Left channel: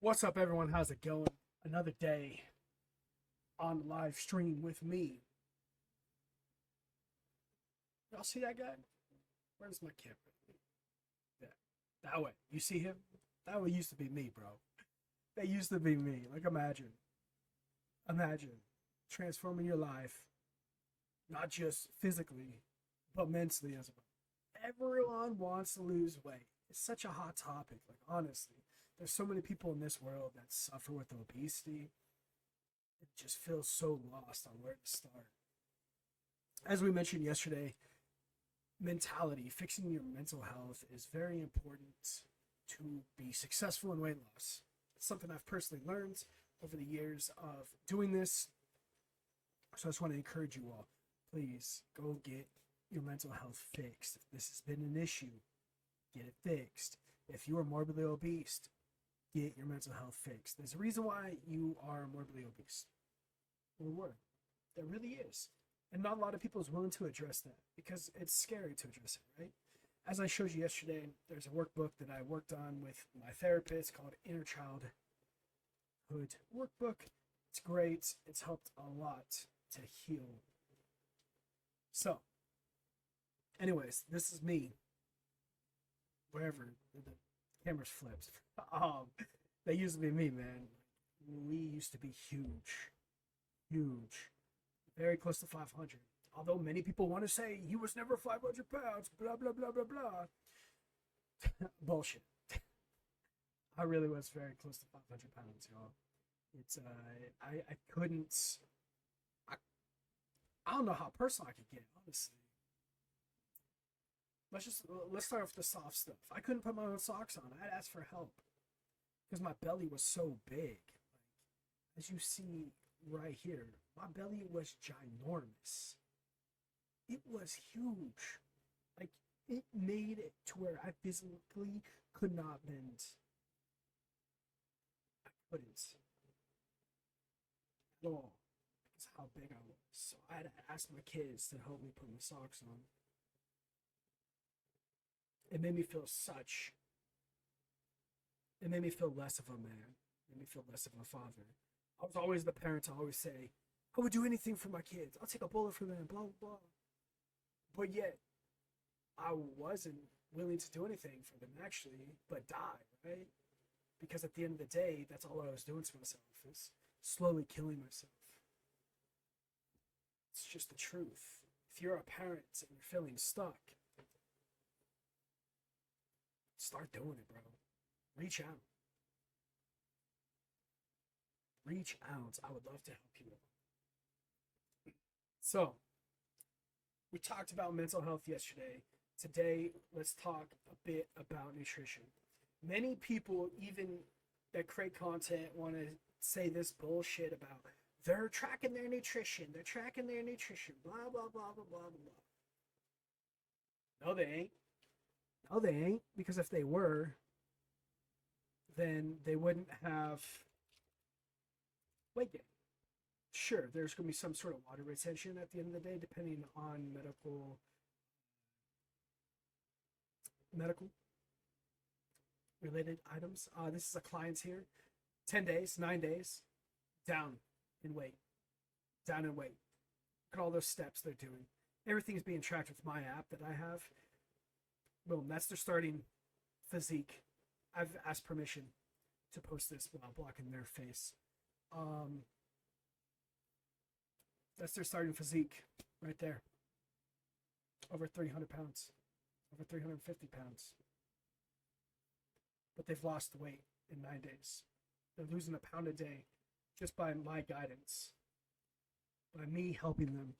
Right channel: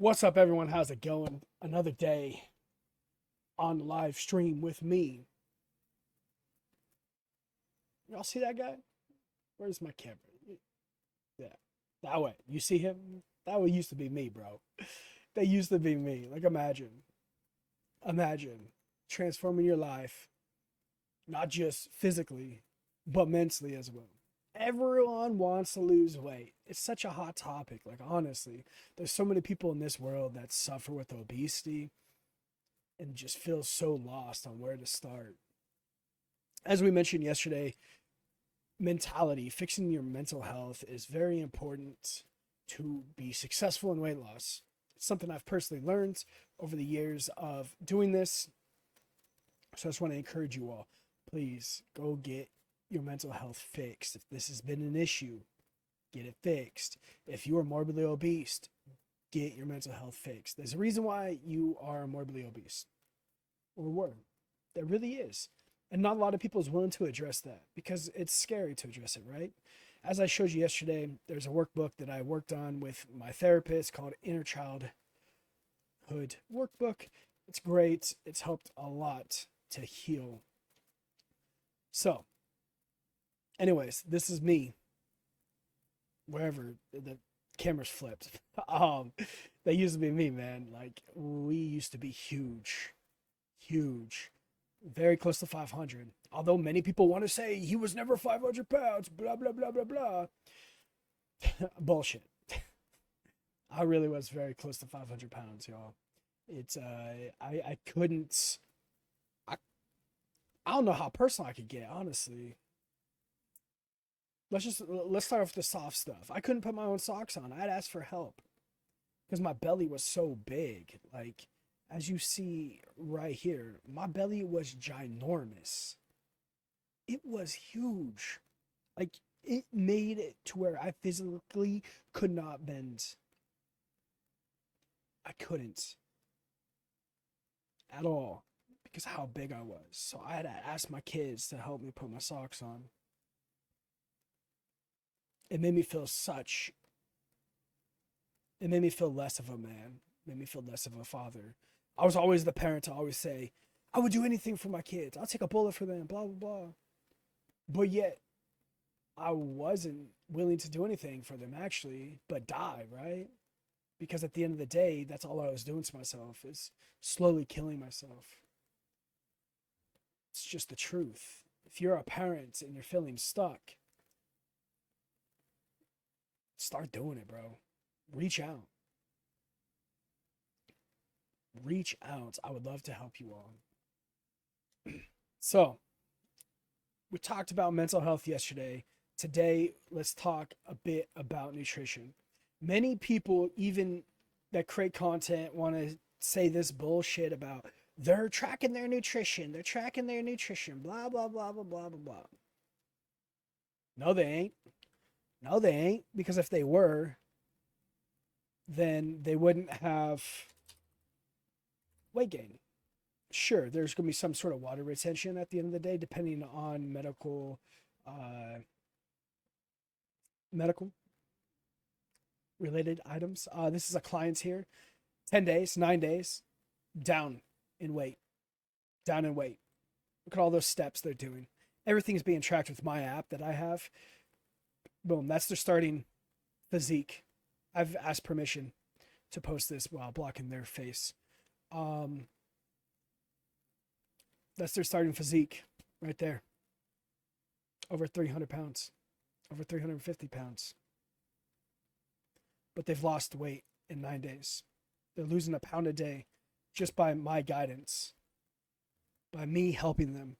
What's up, everyone? How's it going? Another day on live stream with me. Y'all see that guy? Where's my camera? Yeah, that way. You see him? That way used to be me, bro. That used to be me. Like, imagine transforming your life, not just physically, but mentally as well. Everyone wants to lose weight. It's such a hot topic. Like, honestly, there's so many people in this world that suffer with obesity and just feel so lost on where to start. As we mentioned yesterday, mentality, fixing your mental health is very important to be successful in weight loss. It's something I've personally learned over the years of doing this. So I just want to encourage you all, please go get your mental health fixed. If this has been an issue, get it fixed. If you are morbidly obese, get your mental health fixed. There's a reason why you are morbidly obese, or were. There really is. And not a lot of people is willing to address that because it's scary to address it, right? As I showed you yesterday, there's a workbook that I worked on with my therapist called Inner Childhood Workbook. It's great. It's helped a lot to heal. So, anyways, this is me. Wherever the camera's flipped. um, that used to be me, man. Like, we used to be huge. Huge. Very close to 500. Although many people want to say he was never 500 pounds, blah, blah, blah, blah, blah. Bullshit. I really was very close to 500 pounds, y'all. It's, I couldn't, I, I don't know how personal I could get, honestly. Let's start with the soft stuff. I couldn't put my own socks on. I'd ask for help because my belly was so big. Like, as you see right here, my belly was ginormous. It was huge. Like, it made it to where I physically could not bend. I couldn't at all because of how big I was. So I had to ask my kids to help me put my socks on. It made me feel such, it made me feel less of a man, it made me feel less of a father. I was always the parent to always say, I would do anything for my kids. I'll take a bullet for them, blah, blah, blah. But yet, I wasn't willing to do anything for them actually, but die, right? Because at the end of the day, that's all I was doing to myself is slowly killing myself. It's just the truth. If you're a parent and you're feeling stuck, start doing it, bro. Reach out. Reach out. I would love to help you all. So, we talked about mental health yesterday. Today, let's talk a bit about nutrition. Many people, even that create content, want to say this bullshit about they're tracking their nutrition, blah, blah, blah, blah, blah, blah, blah. No, they ain't. No, they ain't. Because if they were, then they wouldn't have weight gain. Sure, there's going to be some sort of water retention at the end of the day, depending on medical related items. This is a client's here. 10 days, 9 days, down in weight, down in weight. Look at all those steps they're doing. Everything's being tracked with my app that I have. Boom, that's their starting physique. I've asked permission to post this while blocking their face. That's their starting physique right there. Over 300 pounds, over 350 pounds. But they've lost weight in 9 days. They're losing a pound a day just by my guidance, by me helping them,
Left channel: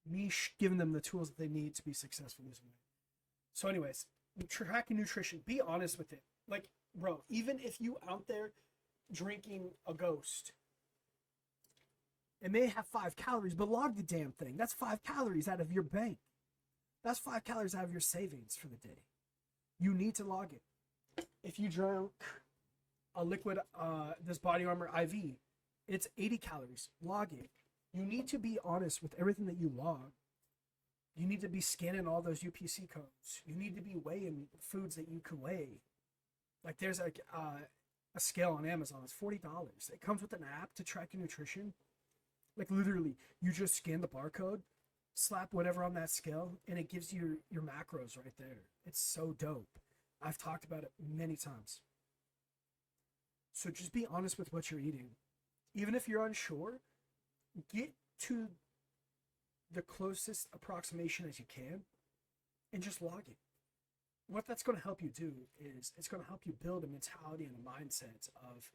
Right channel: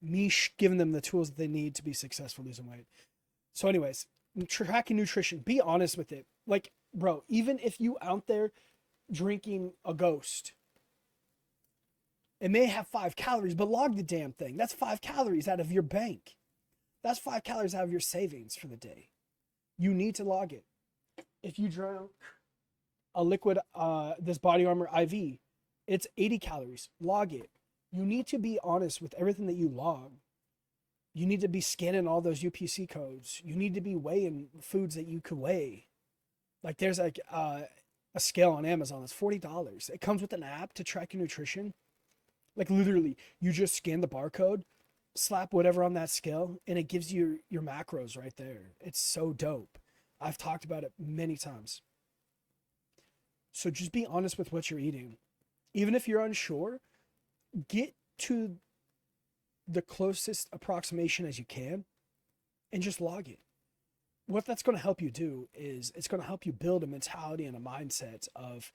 me giving them the tools that they need to be successful losing weight. So, anyways, tracking nutrition, be honest with it. Like, bro, even if you out there drinking a Ghost, it may have 5 calories, but log the damn thing. That's 5 calories out of your bank. That's 5 calories out of your savings for the day. You need to log it. If you drank a liquid, this Body Armor IV, it's 80 calories. Log it. You need to be honest with everything that you log. You need to be scanning all those UPC codes. You need to be weighing foods that you could weigh. Like there's like a scale on Amazon that's $40. It comes with an app to track your nutrition. Like literally, you just scan the barcode, slap whatever on that scale, and it gives you your macros right there. It's so dope. I've talked about it many times. So just be honest with what you're eating. Even if you're unsure, get to the closest approximation as you can and just log it. What that's going to help you do is it's going to help you build a mentality and a mindset of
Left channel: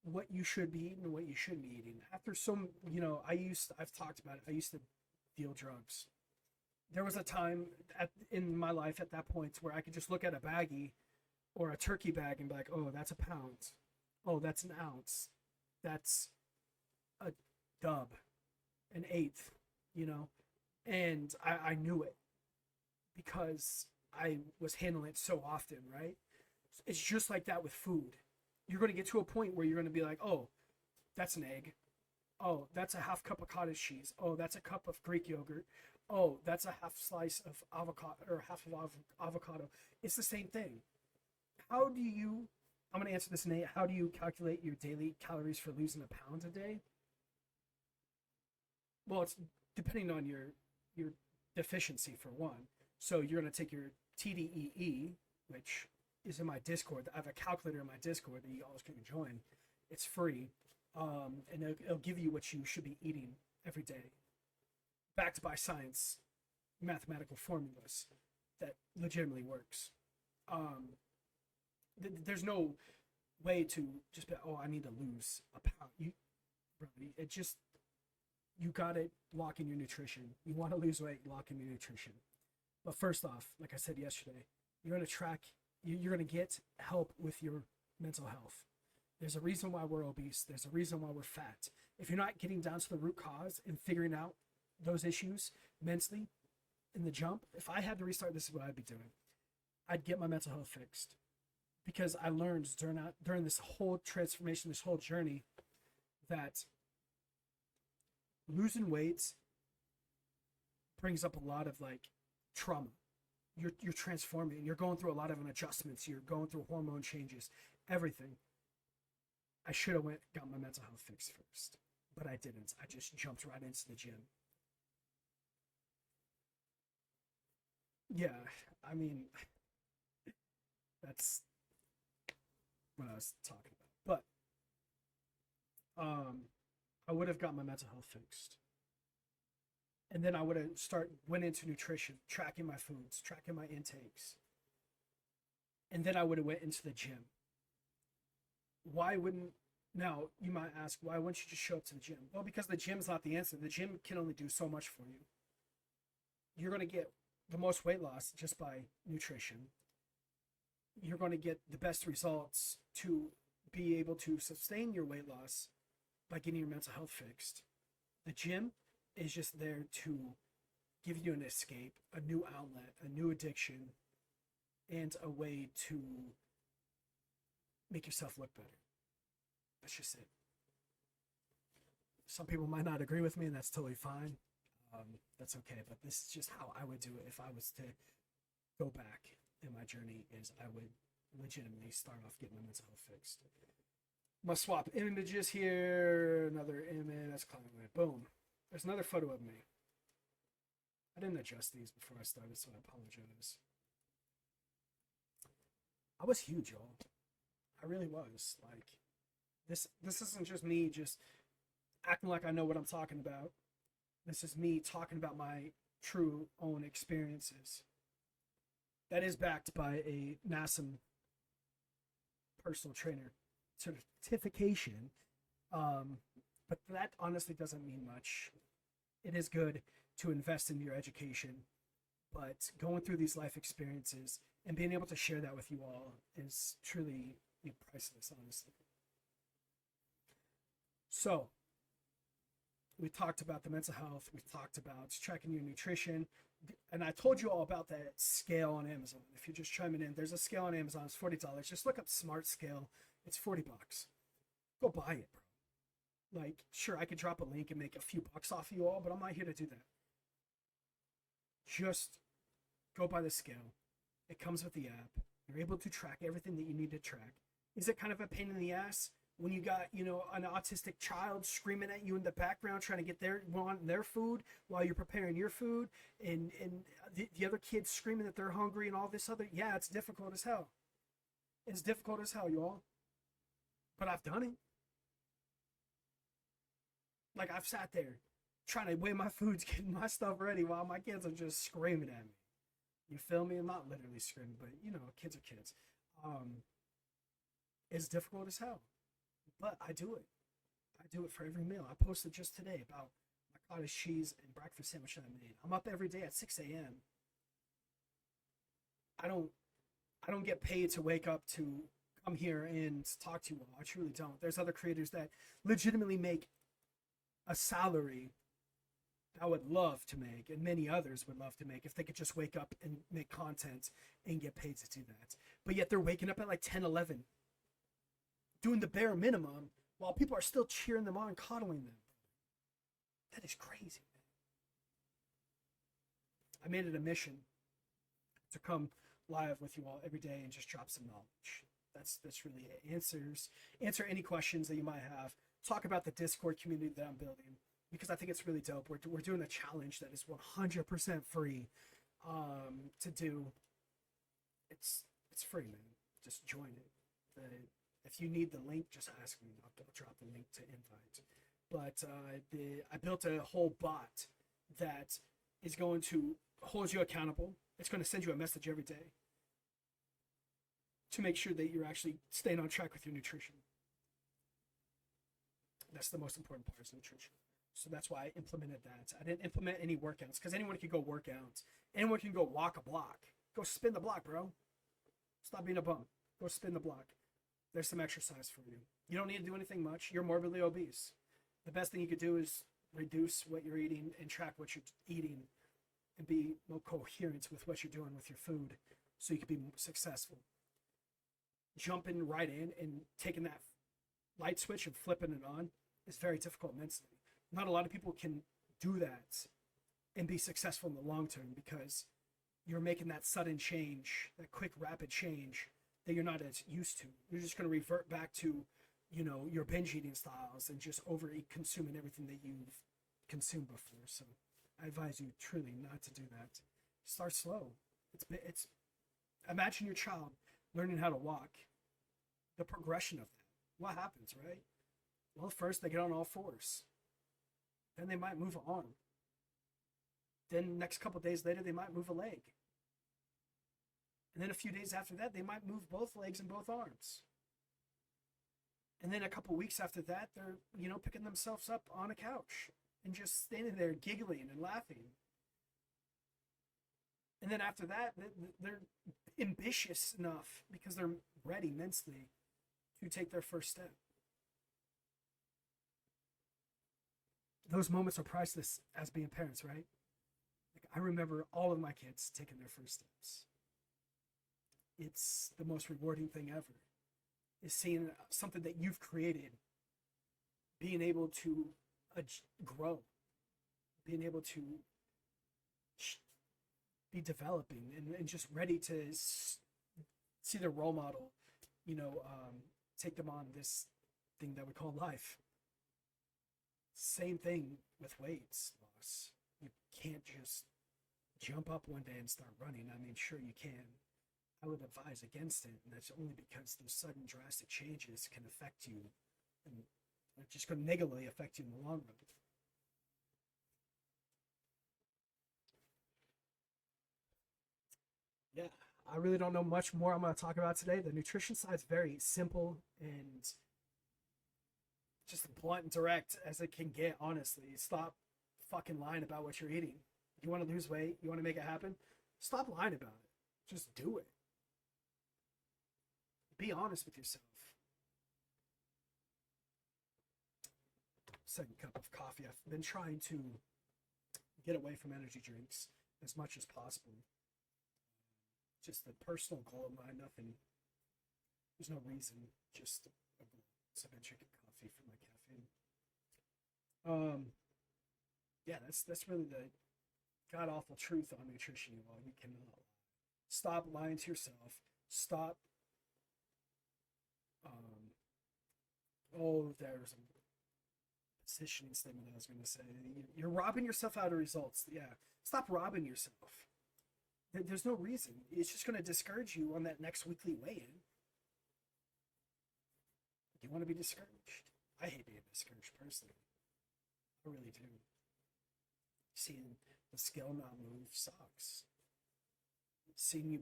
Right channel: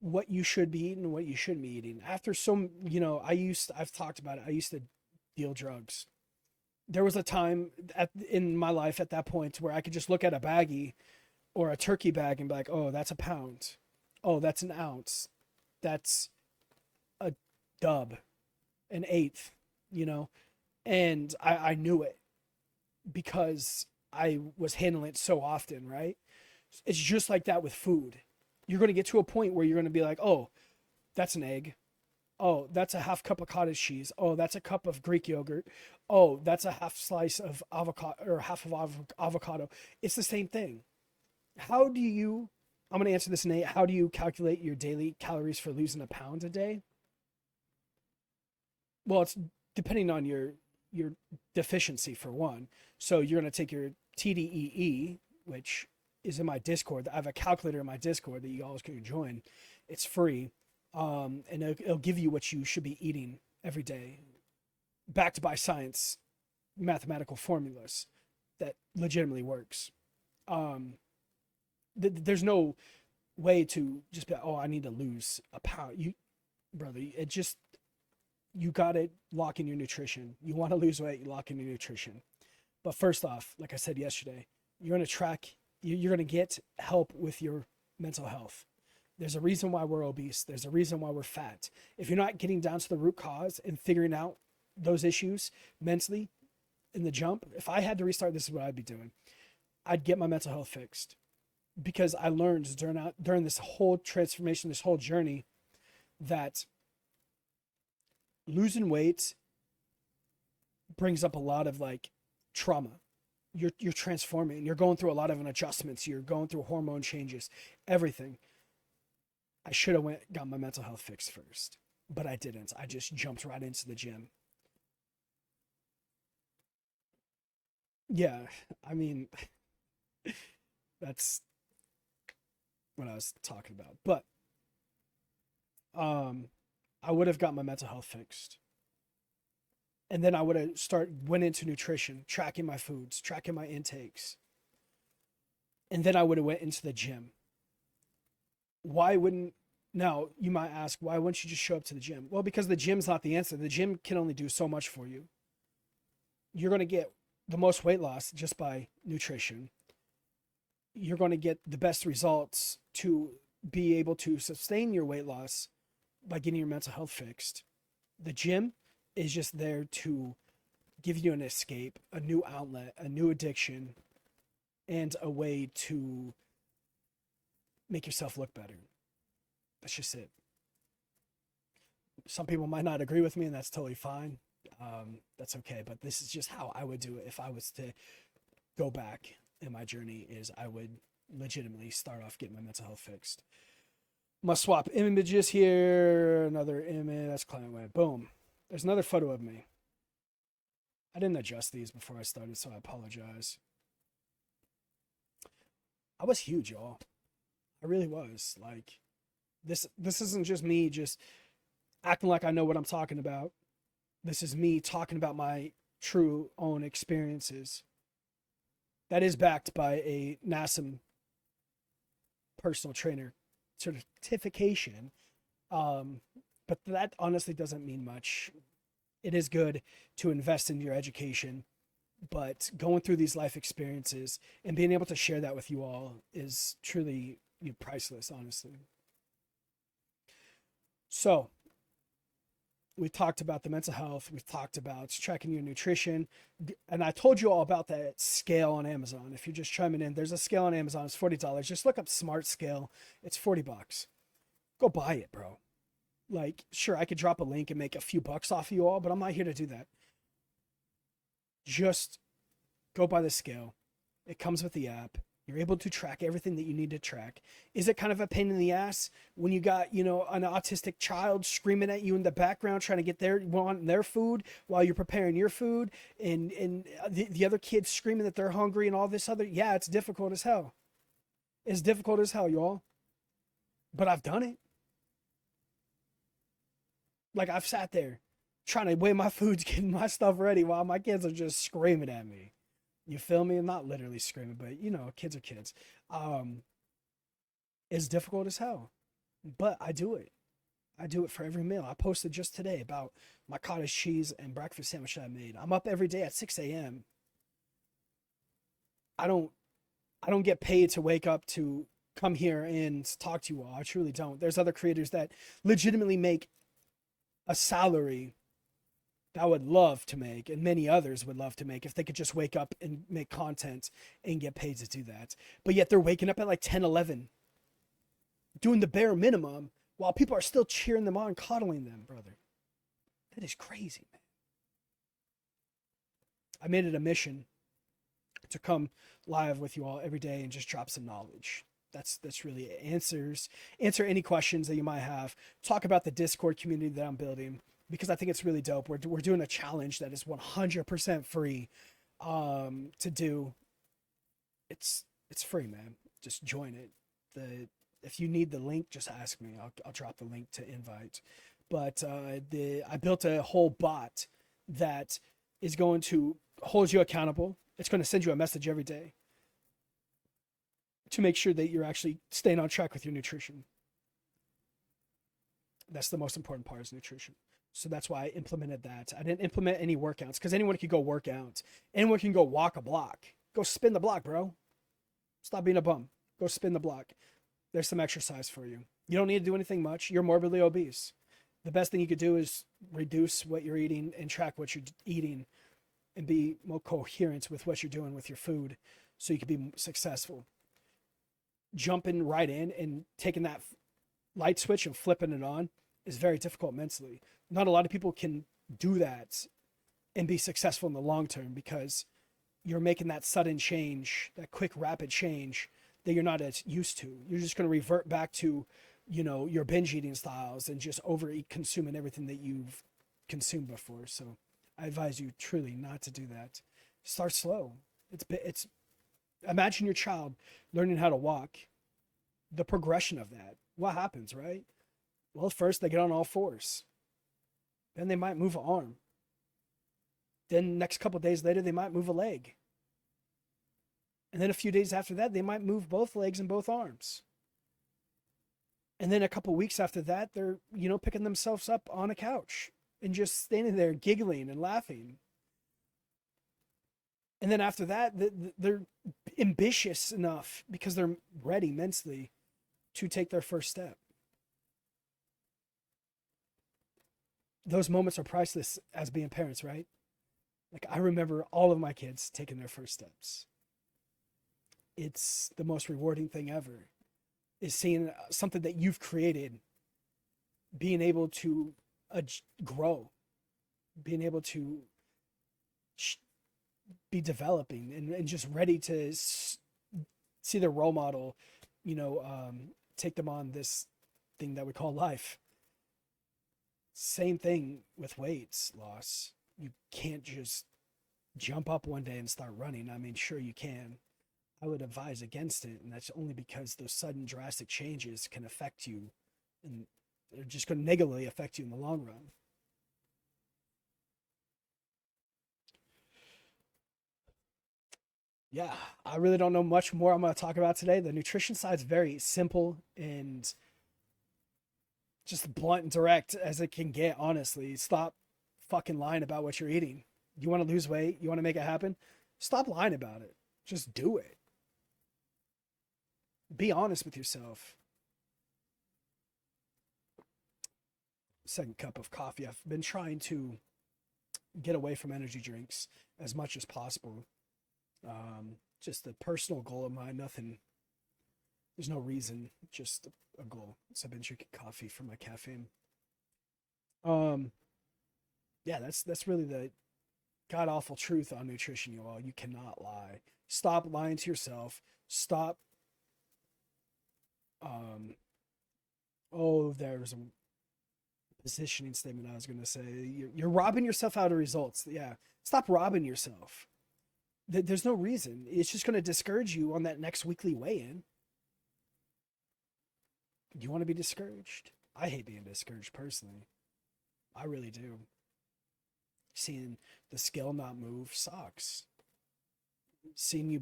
what you should be eating and what you shouldn't be eating. After some, I've talked about it. I used to deal drugs. There was a time in my life at that point where I could just look at a baggie or a turkey bag and be like, oh, that's a pound. Oh, that's an ounce. That's a dub, an eighth, and I knew it because I was handling it so often, right? It's just like that with food. You're going to get to a point where you're going to be like, oh, that's an egg. Oh, that's a half cup of cottage cheese. Oh, that's a cup of Greek yogurt. Oh, that's a half slice of avocado or half of avocado. It's the same thing. How do you, I'm going to answer this, Nate. How do you calculate your daily calories for losing a pound a day? Well, it's depending on your deficiency for one. So you're going to take your TDEE, which is in my Discord. I have a calculator in my Discord that you always can join. It's free. And it'll give you what you should be eating every day, backed by science, mathematical formulas that legitimately works. There's no way to just be, oh, I need to lose a pound. Brother, you got to lock in your nutrition. You want to lose weight, you lock in your nutrition. But first off, like I said yesterday, you're going to you're going to get help with your mental health. There's a reason why we're obese. There's a reason why we're fat. If you're not getting down to the root cause and figuring out those issues mentally in the jump, if I had to restart, this is what I'd be doing. I'd get my mental health fixed because I learned during this whole transformation, this whole journey, that losing weight brings up a lot of like trauma. You're transforming. You're going through a lot of adjustments. You're going through hormone changes, everything. I should have got my mental health fixed first, but I didn't. I just jumped right into the gym. Yeah, I mean, that's what I was talking about. But I would have got my mental health fixed. And then I would have went into nutrition, tracking my foods, tracking my intakes. And then I would have went into the gym. Why wouldn't Now you might ask, why wouldn't you just show up to the gym? Well, because the gym's not the answer. The gym can only do so much for you. You're going to get the most weight loss just by nutrition. You're going to get the best results to be able to sustain your weight loss by getting your mental health fixed. The gym is just there to give you an escape, a new outlet, a new addiction, and a way to make yourself look better. That's just it. Some people might not agree with me, and that's totally fine. That's okay. But this is just how I would do it if I was to go back in my journey. Is I would legitimately start off getting my mental health fixed. Must swap images here. Another image. That's climbing away. Boom. There's another photo of me. I didn't adjust these before I started, so I apologize. I was huge, y'all. I really was. Like, this isn't just me just acting like I know what I'm talking about. This is me talking about my true own experiences. That is backed by a NASM personal trainer certification. But that honestly doesn't mean much. It is good to invest in your education, but going through these life experiences and being able to share that with you all is truly priceless, honestly. So we talked about the mental health. We've talked about tracking your nutrition. And I told you all about that scale on Amazon. If you're just chiming in, there's a scale on Amazon. It's $40. Just look up Smart Scale. It's $40. Go buy it, bro. Like, sure, I could drop a link and make a few bucks off you all, but I'm not here to do that. Just go buy the scale. It comes with the app. You're able to track everything that you need to track. Is it kind of a pain in the ass when you got, an autistic child screaming at you in the background trying to get wanting their food while you're preparing your food, and the other kids screaming that they're hungry and all this other? Yeah, it's difficult as hell. It's difficult as hell, y'all. But I've done it. Like, I've sat there trying to weigh my foods, getting my stuff ready while my kids are just screaming at me. You feel me? I'm not literally screaming, but kids are kids. Um, it's difficult as hell, but I do it. I do it for every meal. I posted just today about my cottage cheese and breakfast sandwich that I made. I'm up every day at 6 a.m. I don't I don't get paid to wake up to come here and talk to you all. I truly don't. There's other creators that legitimately make a salary that I would love to make, and many others would love to make if they could just wake up and make content and get paid to do that. But yet they're waking up at like 10, 11, doing the bare minimum while people are still cheering them on, coddling them, brother. That is crazy, man. I made it a mission to come live with you all every day and just drop some knowledge. That's really it. Answer any questions that you might have. Talk about the Discord community that I'm building, because I think it's really dope. We're doing a challenge that is 100% free to do. It's free, man. Just join it. The If you need the link, just ask me. I'll drop the link to invite. But I built a whole bot that is going to hold you accountable. It's going to send you a message every day to make sure that you're actually staying on track with your nutrition. That's the most important part, is nutrition. So that's why I implemented that. I didn't implement any workouts because anyone can go work out. Anyone can go walk a block. Go spin the block, bro. Stop being a bum. Go spin the block. There's some exercise for you. You don't need to do anything much. You're morbidly obese. The best thing you could do is reduce what you're eating and track what you're eating and be more coherent with what you're doing with your food so you can be successful. Jumping right in and taking that light switch and flipping it on is very difficult mentally. Not a lot of people can do that and be successful in the long term because you're making that sudden change, that quick, rapid change that you're not as used to. You're just going to revert back to, your binge eating styles and just overeat, consuming everything that you've consumed before. So I advise you truly not to do that. Start slow. It's Imagine your child learning how to walk. The progression of that. What happens, right? Well, first they get on all fours. Then they might move an arm. Then next couple days later, they might move a leg. And then a few days after that, they might move both legs and both arms. And then a couple weeks after that, they're, picking themselves up on a couch and just standing there giggling and laughing. And then after that, they're ambitious enough because they're ready mentally to take their first step. Those moments are priceless as being parents, right? Like, I remember all of my kids taking their first steps. It's the most rewarding thing ever, is seeing something that you've created being able to grow, being able to be developing and just ready to see their role model, take them on this thing that we call life. Same thing with weights loss. You can't just jump up one day and start running. I mean, sure you can. I would advise against it, and that's only because those sudden drastic changes can affect you, and they're just going to negatively affect you in the long run. Yeah, I really don't know much more I'm going to talk about today. The nutrition side is very simple and just blunt and direct as it can get, honestly. Stop fucking lying about what you're eating. You want to lose weight? You want to make it happen? Stop lying about it. Just do it. Be honest with yourself. Second cup of coffee. I've been trying to get away from energy drinks as much as possible. Just a personal goal of mine. Nothing. There's no reason. Just a goal. So I've been drinking coffee for my caffeine. Yeah, that's really the god awful truth on nutrition, you all. You cannot lie. Stop lying to yourself. Stop. Um, oh, there's a positioning statement I was going to say. You're robbing yourself out of results. Yeah. Stop robbing yourself. There's no reason. It's just going to discourage you on that next weekly weigh in. Do you want to be discouraged? I hate being discouraged personally. I really do. Seeing the scale not move sucks. Seeing you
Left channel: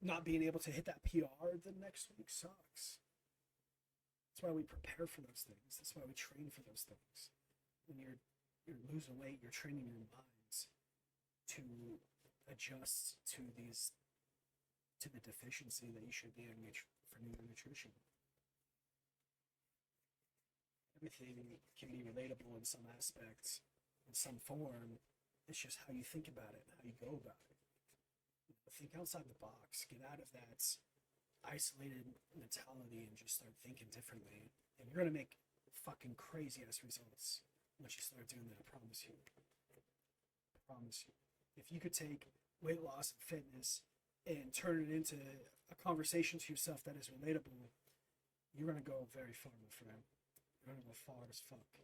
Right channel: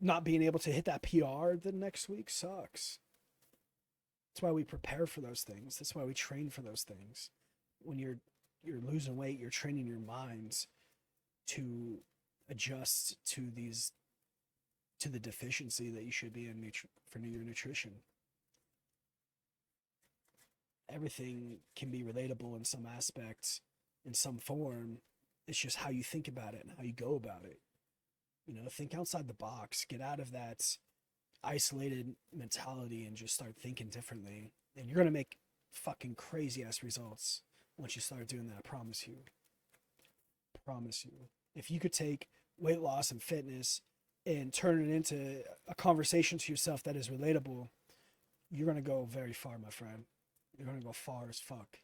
not being able to hit that PR the next week sucks. That's why we prepare for those things. That's why we train for those things. When you're losing weight, you're training your minds to adjust to the deficiency that you should be in for your nutrition. Everything can be relatable in some aspects, in some form. It's just how you think about it and how you go about it. Think outside the box. Get out of that isolated mentality and just start thinking differently. And you're going to make fucking crazy ass results once you start doing that. I promise you. Promise you. If you could take weight loss and fitness and turn it into a conversation to yourself that is relatable, you're going to go very far, my friend. You're going to go far as fuck.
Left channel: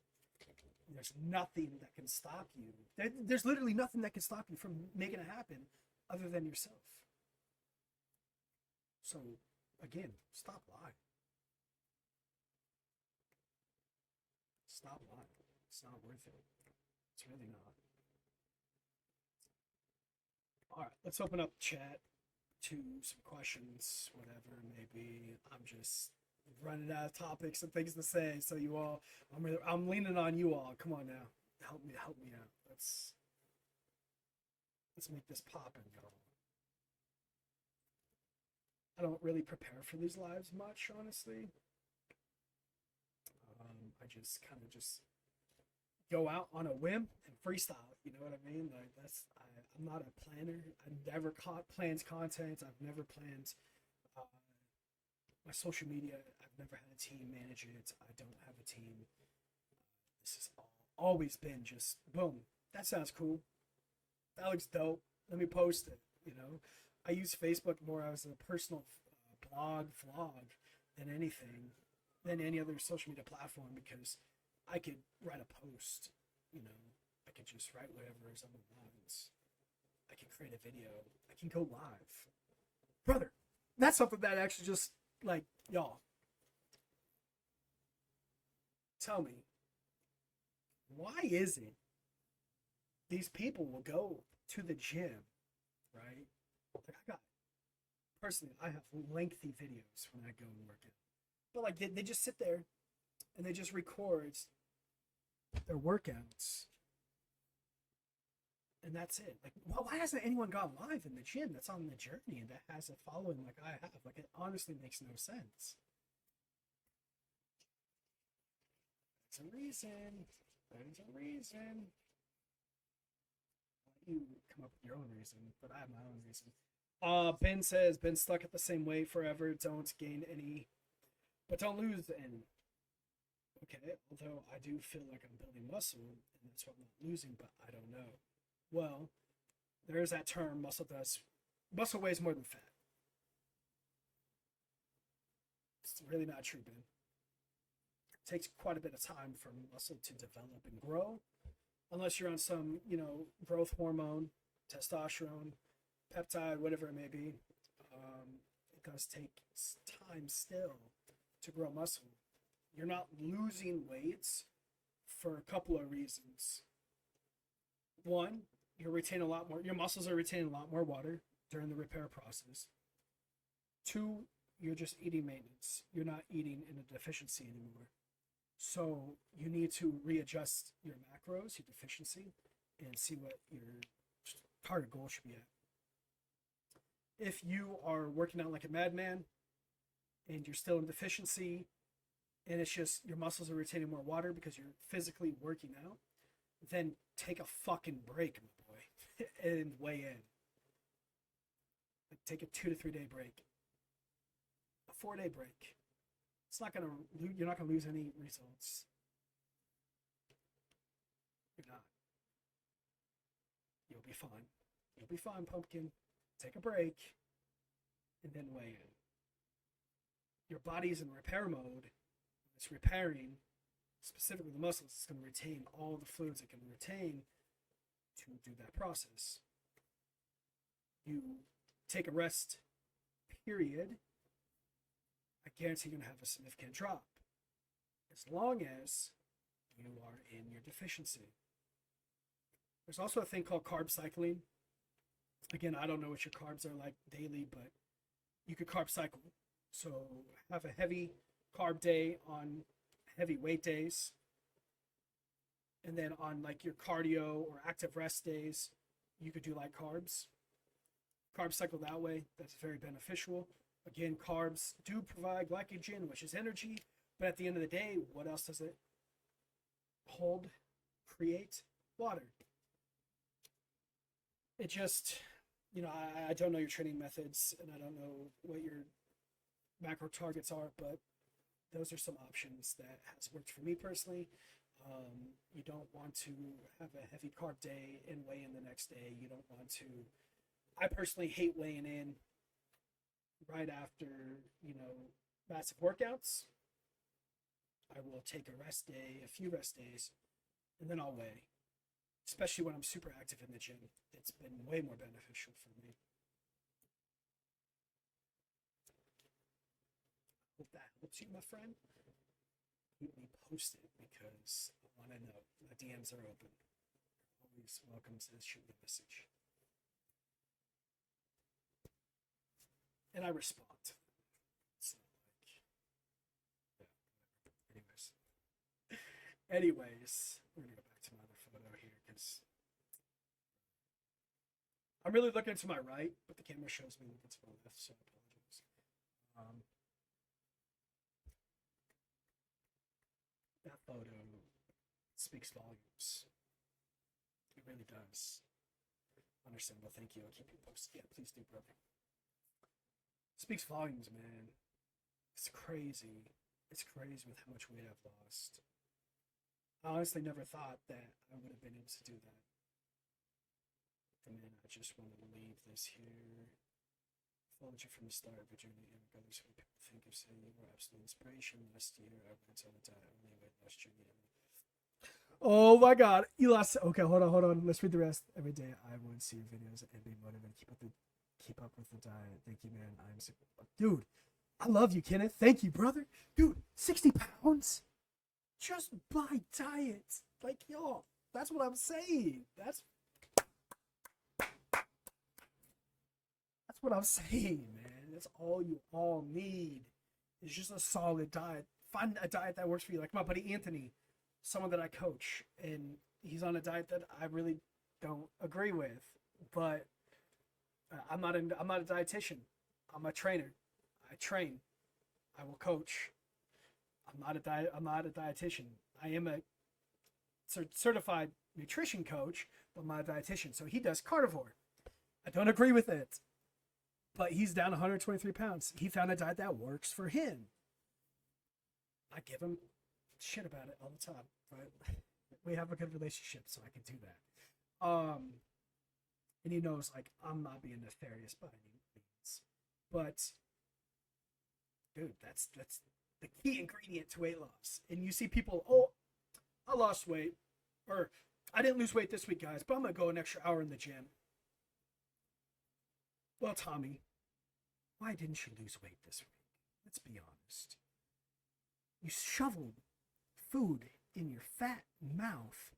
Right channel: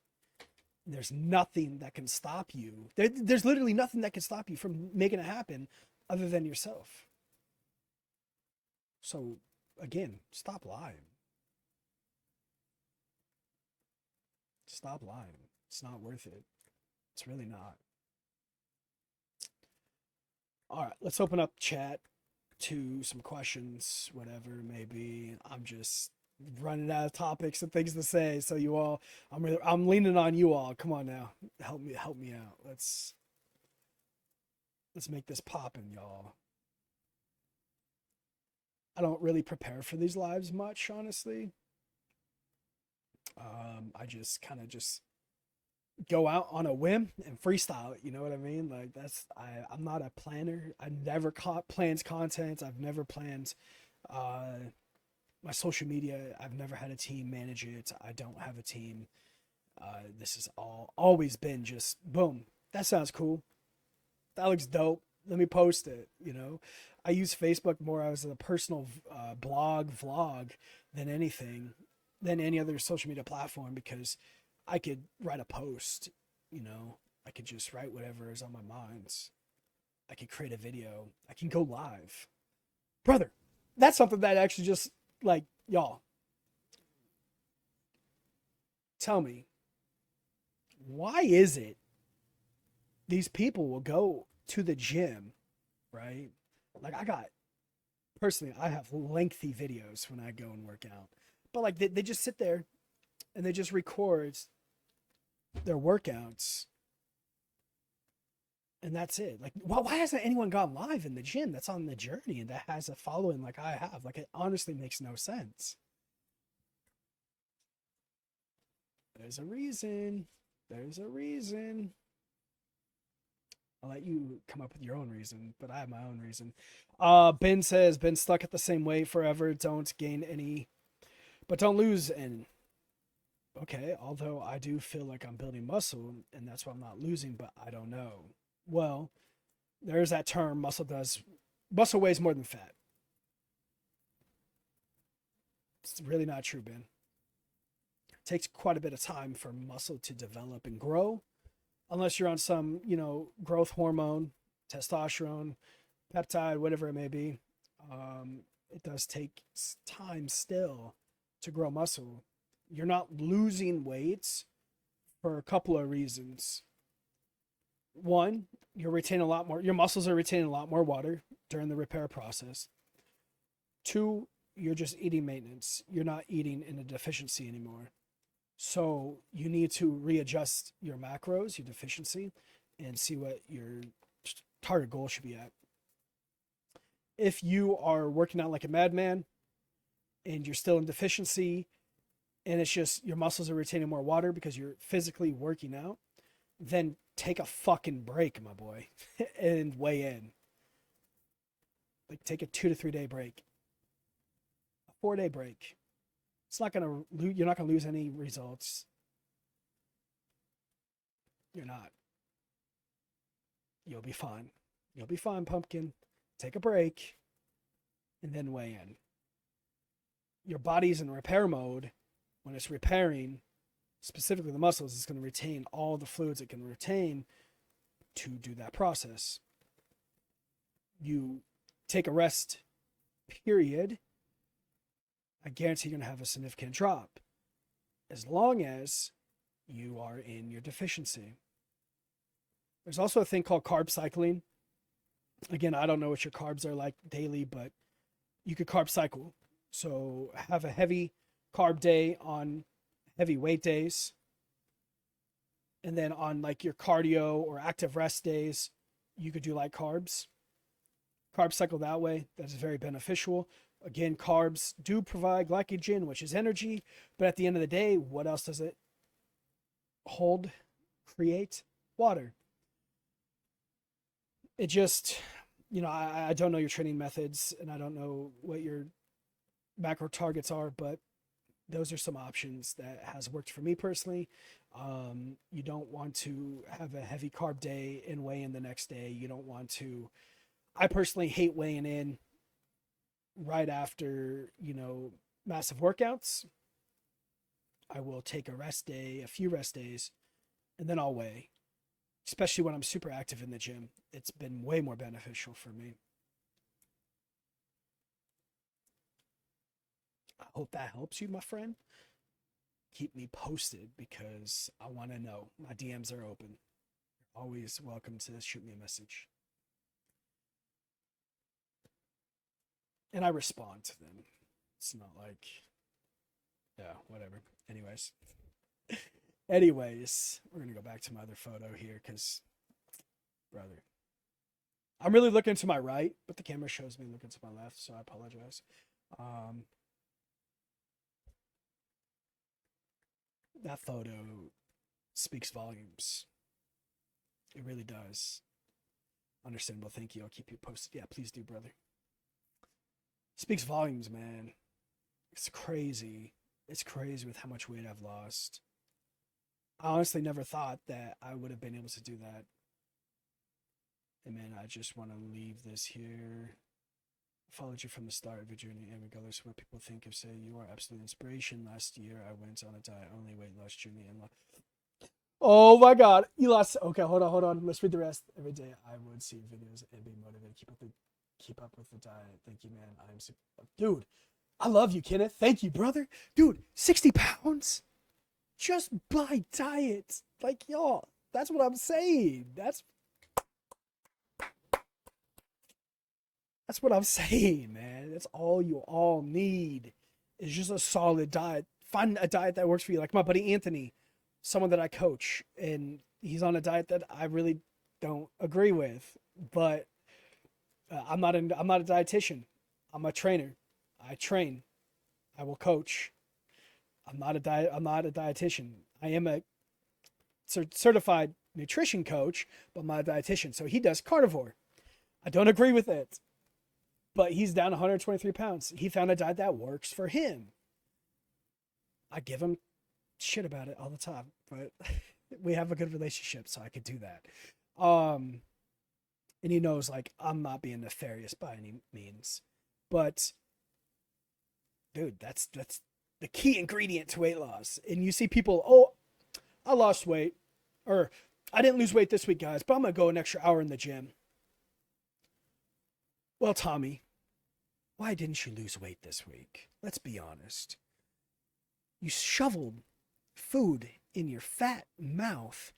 There's nothing that can stop you. There's literally nothing that can stop you from making it happen other than yourself. So, again, stop lying. Stop lying. It's not worth it. It's really not. All right, let's open up chat to some questions, whatever it may be. I'm just running out of topics and things to say. So you all, I'm leaning on you all. Come on now, help me out. Let's make this poppin', y'all. I don't really prepare for these lives much, honestly. I just kind of just go out on a whim and freestyle it. You know what I mean? Like I'm not a planner. I never plans content. I've never planned my social media. I've never had a team manage it. I don't have a team. This has always been just boom. That sounds cool. That looks dope. Let me post it. I use Facebook more as a personal vlog than anything, than any other social media platform, because I could write a post. I could just write whatever is on my mind. I could create a video. I can go live, brother. That's something that actually just like y'all. Tell me, why is it these people will go to the gym, right? Like I have lengthy videos when I go and work out, but like they just sit there and they just record their workouts and that's it. Like, why hasn't anyone gone live in the gym that's on the journey and that has a following like I have? Like, it honestly makes no sense. There's a reason. There's a reason. I'll let you come up with your own reason, but I have my own reason. Ben says, been stuck at the same weight forever. Don't gain any, but don't lose any. Okay, although I do feel like I'm building muscle, and that's why I'm not losing, but I don't know. Well, there's that term, muscle weighs more than fat. It's really not true, Ben. It takes quite a bit of time for muscle to develop and grow, unless you're on some, growth hormone, testosterone, peptide, whatever it may be. It does take time still to grow muscle. You're not losing weight for a couple of reasons. One, your muscles are retaining a lot more water during the repair process. Two, you're just eating maintenance. You're not eating in a deficiency anymore. So you need to readjust your macros, your deficiency, and see what your target goal should be at. If you are working out like a madman and you're still in deficiency and it's just your muscles are retaining more water because you're physically working out, then take a fucking break, my boy, and weigh in. Like, take a 2 to 3 day break, a 4-day break. You're not gonna lose any results. You're not. You'll be fine. You'll be fine, pumpkin. Take a break and then weigh in. your body's in repair mode. When it's repairing, specifically the muscles, it's going to retain all the fluids it can retain to do that process. You take a rest period, I guarantee you're going to have a significant drop as long as you are in your deficiency. There's also a thing called carb cycling. Again, I don't know what your carbs are like daily, but you could carb cycle. So have a heavy carb day on heavy weight days. And then on like your cardio or active rest days, you could do light carbs. Carb cycle that way. That's very beneficial. Again, carbs do provide glycogen, which is energy. But at the end of the day, what else does it hold, create? Water. It just, I don't know your training methods and I don't know what your macro targets are, but those are some options that has worked for me personally. You don't want to have a heavy carb day and weigh in the next day. You don't want to, I personally hate weighing in right after, massive workouts. I will take a rest day, a few rest days, and then I'll weigh. Especially when I'm super active in the gym. It's been way more beneficial for me. I hope that helps you, my friend. Keep me posted because I want to know. My DMs are open. You're always welcome to shoot me a message. And I respond to them. It's not like, yeah, whatever. Anyways, we're going to go back to my other photo here because, brother, I'm really looking to my right, but the camera shows me looking to my left, so I apologize. That photo speaks volumes. It really does. Understandable. Thank you. I'll keep you posted. Yeah, please do, brother. Speaks volumes, man. It's crazy. It's crazy with how much weight I've lost. I honestly never thought that I would have been able to do that. And man, I just want to leave this here. I followed you from the start of your journey, and regardless of what people think of, say, you are absolute inspiration. Last year, I went on a diet only weight loss journey and oh my God, you lost. Okay, hold on. Let's read the rest. Every day, I would see your videos and be motivated. Keep up with the diet. Thank you, man. I'm super. Dude, I love you, Kenneth. Thank you, brother. Dude, 60 pounds just by diet. Like, y'all, that's what I'm saying. That's what I'm saying, man. That's all you all need is just a solid diet. Find a diet that works for you. Like my buddy Anthony, someone that I coach, and he's on a diet that I really don't agree with. But I'm not a dietitian. I'm a trainer. I train. I will coach. I'm not a dietitian. I am a certified nutrition coach, but I'm not a dietitian. So he does carnivore. I don't agree with it, but he's down 123 pounds. He found a diet that works for him. I give him shit about it all the time, but we have a good relationship, so I could do that. And he knows like I'm not being nefarious by any means, but dude, that's the key ingredient to weight loss. And you see people, oh, I lost weight, or I didn't lose weight this week, guys, but I'm gonna go an extra hour in the gym. Well, Tommy, why didn't you lose weight this week? Let's be honest. You shoveled food in your fat mouth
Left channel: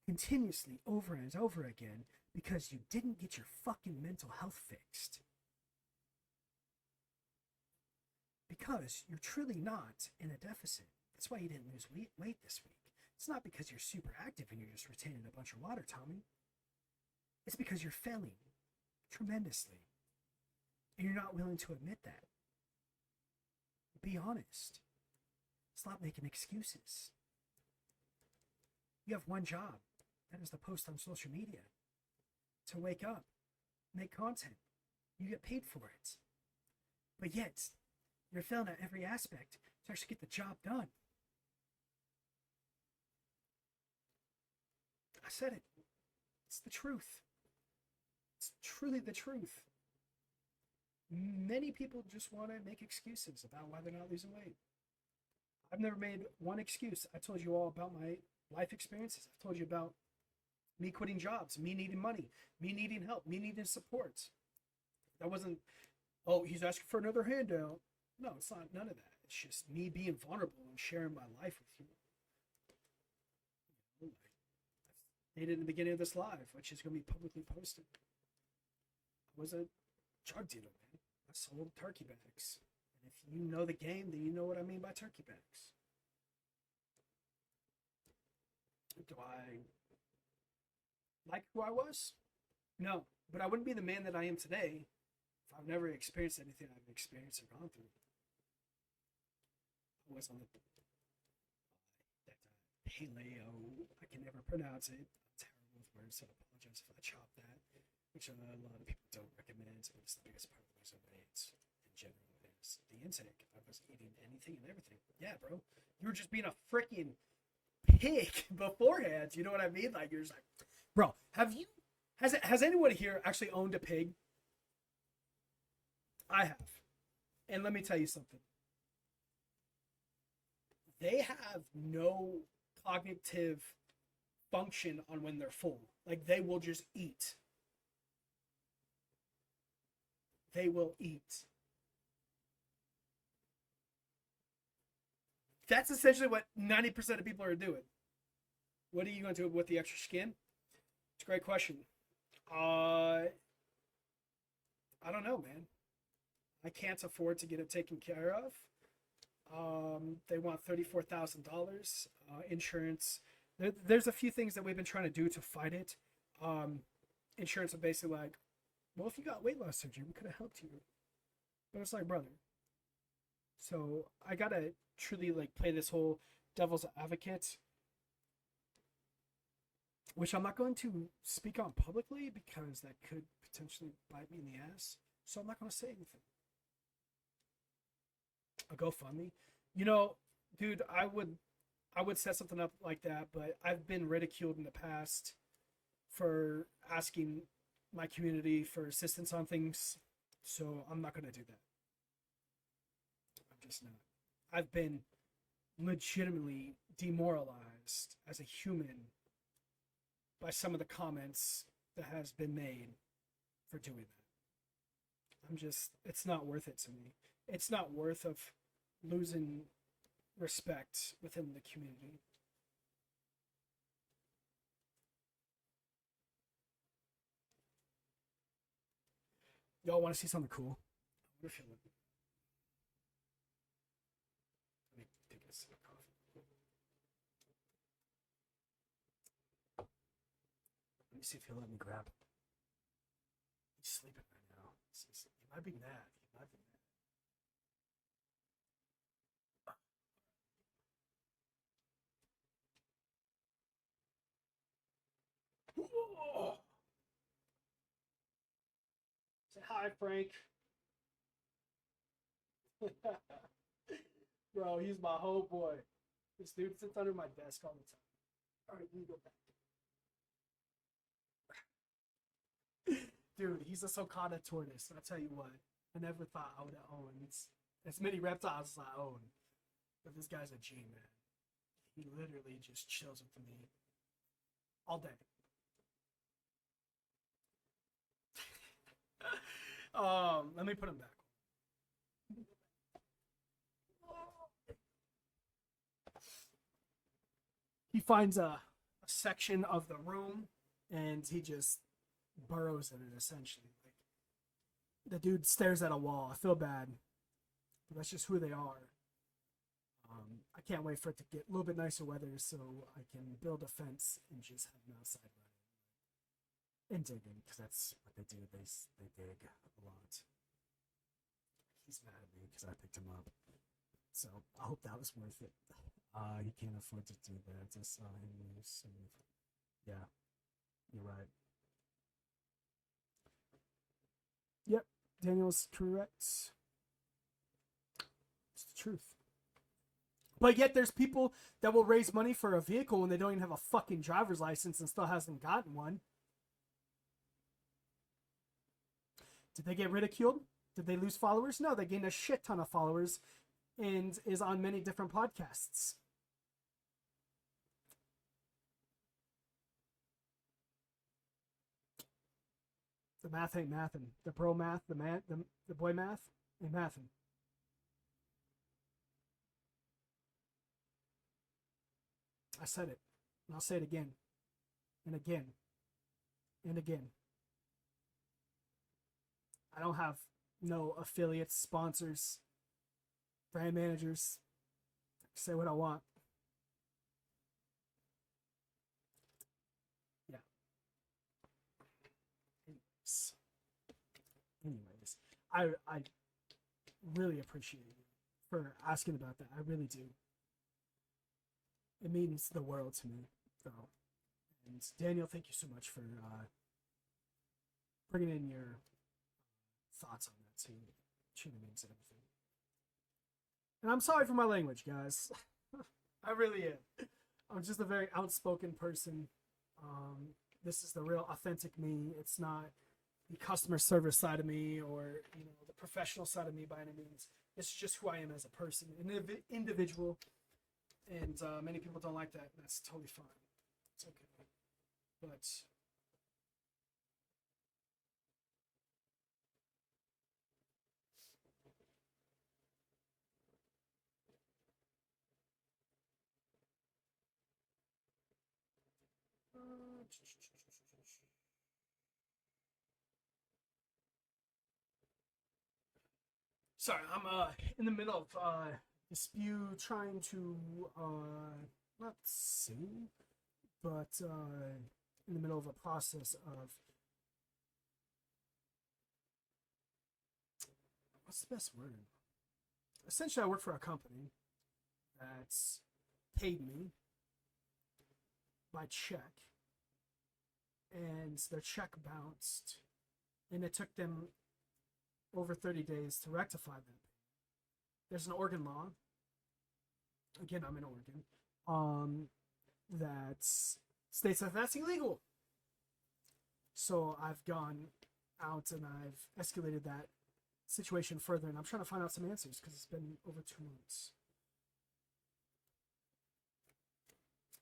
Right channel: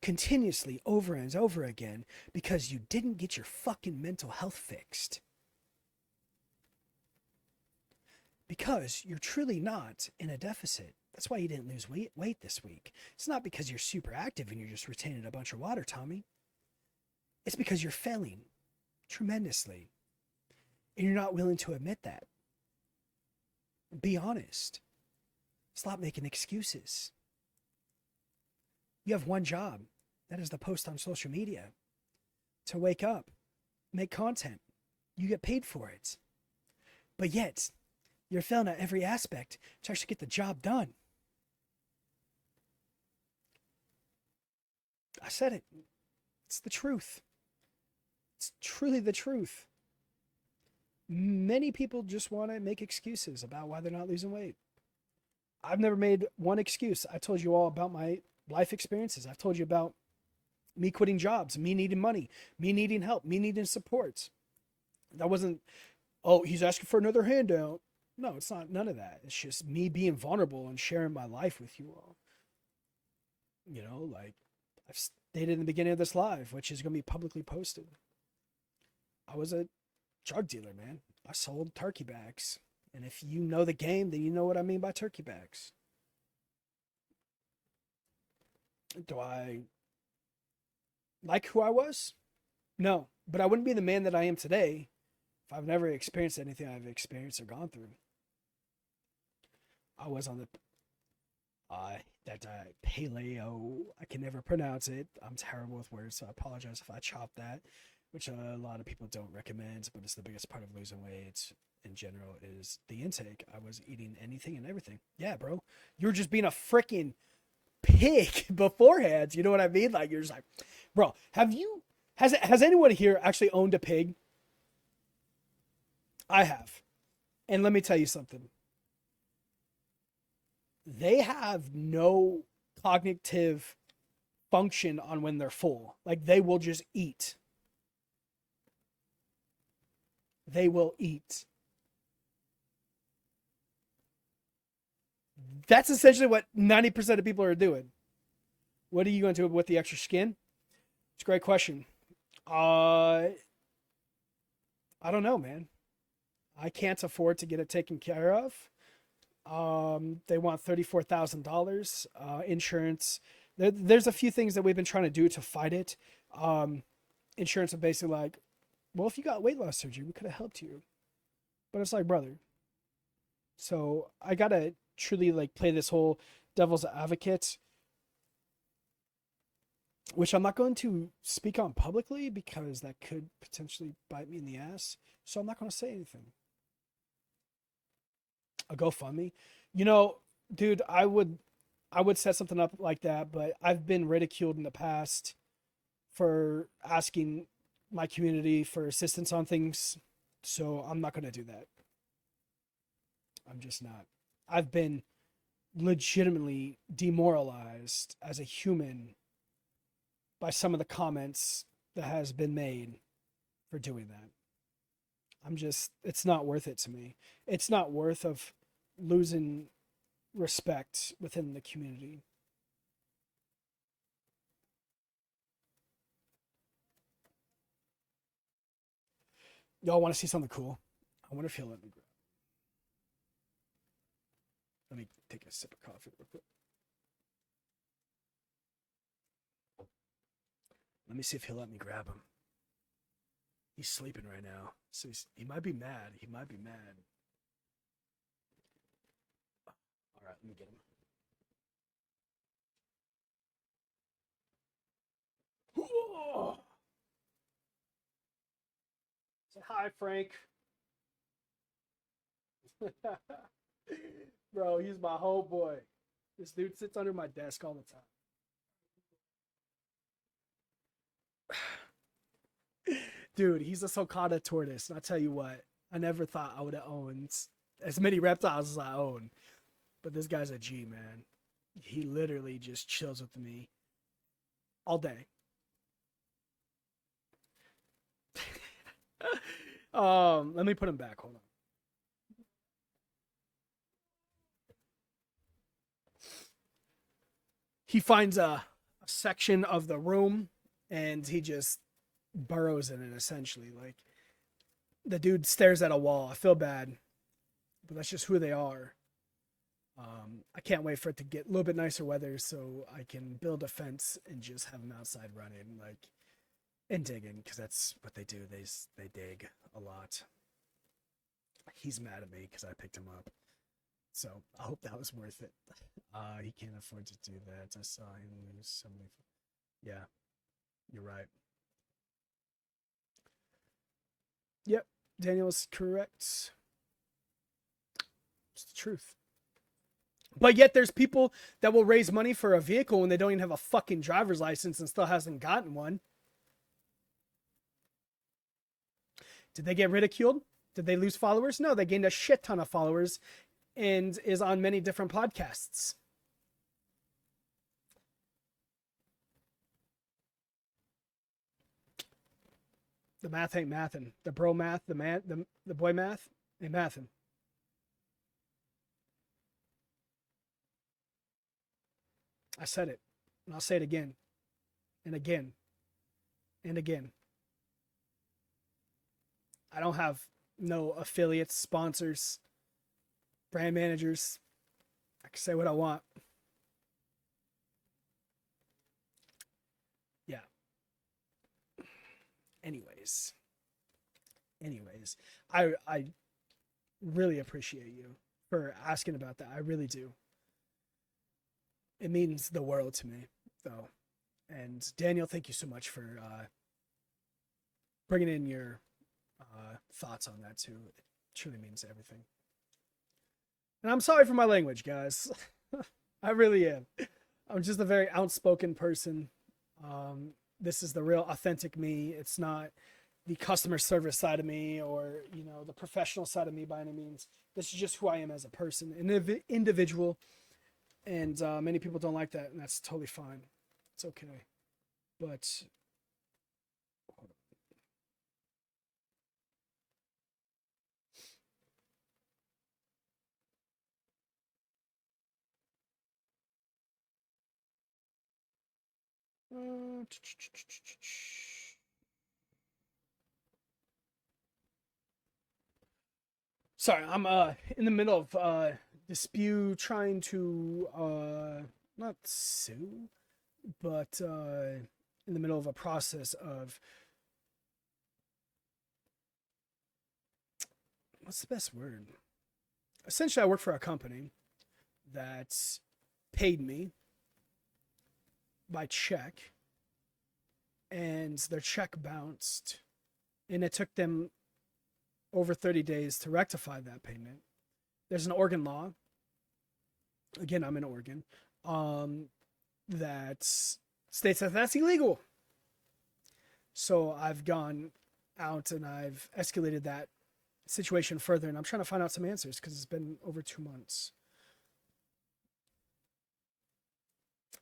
continuously over and over again because you didn't get your fucking mental health fixed. Because you're truly not in a deficit. That's why you didn't lose weight this week. It's not because you're super active and you're just retaining a bunch of water, Tommy. It's because you're failing tremendously. And you're not willing to admit that. Be honest. Stop making excuses. You have one job. That is to post on social media. To wake up. Make content. You get paid for it. But yet, you're failing at every aspect to actually get the job done. I said it. It's the truth. It's truly the truth. Many people just want to make excuses about why they're not losing weight. I've never made one excuse. I told you all about my life experiences. I've told you about me quitting jobs, me needing money, me needing help, me needing support. That wasn't, oh, he's asking for another handout. No, it's not none of that. It's just me being vulnerable and sharing my life with you all. You know, like I've stated in the beginning of this live, which is going to be publicly posted. I was a drug dealer, man. I sold turkey bags. And if you know the game, then you know what I mean by turkey bags. Do I like who I was? No, but I wouldn't be the man that I am today if I've never experienced anything I've experienced or gone through. I was on the that paleo. I can never pronounce it. I'm terrible with words, so I apologize if I chop that, which a lot of people don't recommend, but it's the biggest part of losing weight in general is the intake. I was eating anything and everything. Yeah, bro. You were just being a freaking pig beforehand. You know what I mean? Like you're just like, bro, has anyone here actually owned a pig? I have. And let me tell you something. They have no cognitive function on when they're full. Like they will just eat. They will eat. That's essentially what 90% of people are doing. What are you going to do with the extra skin? It's a great question. I don't know, man. I can't afford to get it taken care of. They want $34,000 insurance. There's a few things that we've been trying to do to fight it. Insurance is basically like, well, if you got weight loss surgery, we could have helped you. But it's like, brother. So I gotta truly like play this whole devil's advocate, which I'm not going to speak on publicly because that could potentially bite me in the ass. So I'm not going to say anything. A GoFundMe, you know, dude, I would set something up like that, but I've been ridiculed in the past for asking my community for assistance on things, so I'm not going to do that. I'm just not. I've been legitimately demoralized as a human by some of the comments that has been made for doing that. It's not worth it to me. It's not worth of losing respect within the community. Y'all want to see something cool? I wonder if he'll let me grab. Let me take a sip of coffee real quick. Let me see if he'll let me grab him. He's sleeping right now, so he might be mad. He might be mad. All right, let me get him. Oh! Say hi, Frank. Bro, he's my whole boy. This dude sits under my desk all the time. All right, you go back. Dude, he's a sulcata tortoise. And I tell you what, I never thought I would have owned as many reptiles as I own. But this guy's a G, man. He literally just chills with me all day. Let me put him back. Hold on. He finds a section of the room and he just burrows in it essentially. Like the dude stares at a wall. I feel bad, but that's just who they are. I can't wait for it to get a little bit nicer weather so I can build a fence and just have them outside running, like, and digging, because that's what they do. They dig a lot. He's mad at me because I picked him up, so I hope that was worth it. He can't afford to do that. I saw him lose so many. Yeah, you're right. Yep, Daniel's correct. It's the truth. But yet there's people that will raise money for a vehicle when they don't even have a fucking driver's license and still hasn't gotten one. Did they get ridiculed? Did they lose followers? No, they gained a shit ton of followers and is on many different podcasts. The math ain't mathin'. The bro math, the boy math ain't mathin'. I said it, and I'll say it again, and again, and again. I don't have no affiliates, sponsors, brand managers. I can say what I want. Yeah. Anyways, I really appreciate you for asking about that. I really do. It means the world to me, though. And Daniel, thank you so much for bringing in your thoughts on that too. It truly means everything. And I'm sorry for my language, guys. I really am. I'm just a very outspoken person. This is the real authentic me. It's not the customer service side of me or, you know, the professional side of me by any means. This is just who I am as a person, an individual. And many people don't like that, and that's totally fine. It's okay. But sorry, I'm in the middle of dispute trying to not sue, but in the middle of a process of what's the best word? Essentially, I work for a company that's paid me by check, and their check bounced, and it took them over 30 days to rectify that payment. There's an Oregon law. Again, I'm in Oregon. That states that that's illegal. So I've gone out and I've escalated that situation further, and I'm trying to find out some answers because it's been over 2 months.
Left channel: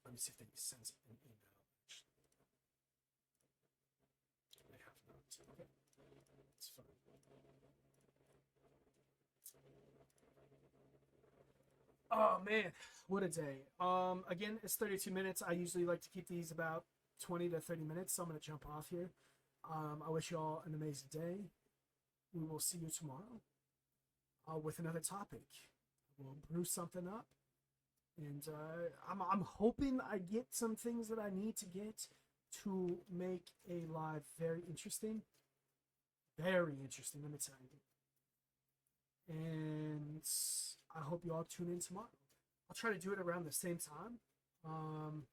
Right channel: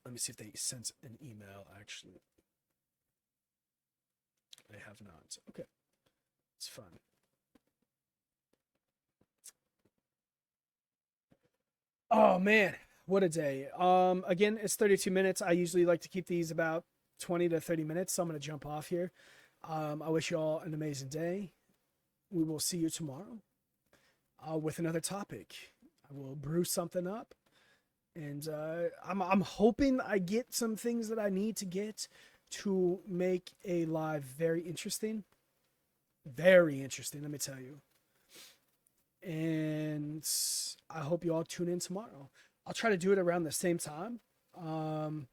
Let me see if they sent an email, actually. They have not. Okay. It's fun. Oh man, what a day. Again, it's 32 minutes. I usually like to keep these about 20 to 30 minutes, so I'm gonna jump off here. I wish you all an amazing day. We will see you tomorrow with another topic. I will brew something up, and I'm hoping I get some things that I need to get to make a live very interesting. Very interesting, let me tell you. And I hope you all tune in tomorrow. I'll try to do it around the same time. Um,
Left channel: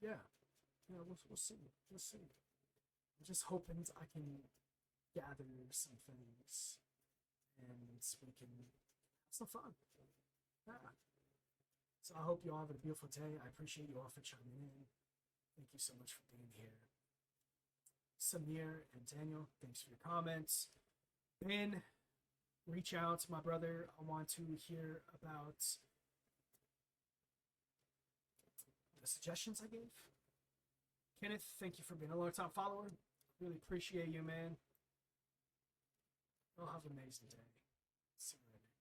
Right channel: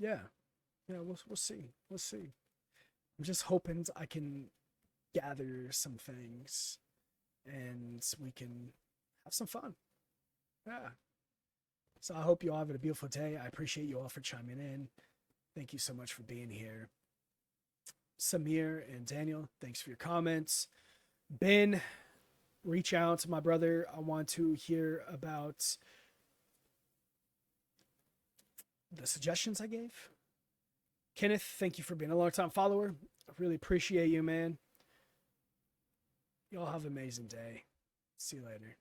yeah, yeah, we'll see. We'll see. I'm just hoping I can gather some things and we can have some fun. Yeah. So I hope you all have a beautiful day. I appreciate you all for chiming in. Thank you so much for being here. Samir and Daniel, thanks for your comments. Ben, reach out to my brother. I want to hear about the suggestions I gave. Kenneth, thank you for being a long-time follower. I really appreciate you, man. Y'all have an amazing day. See you later.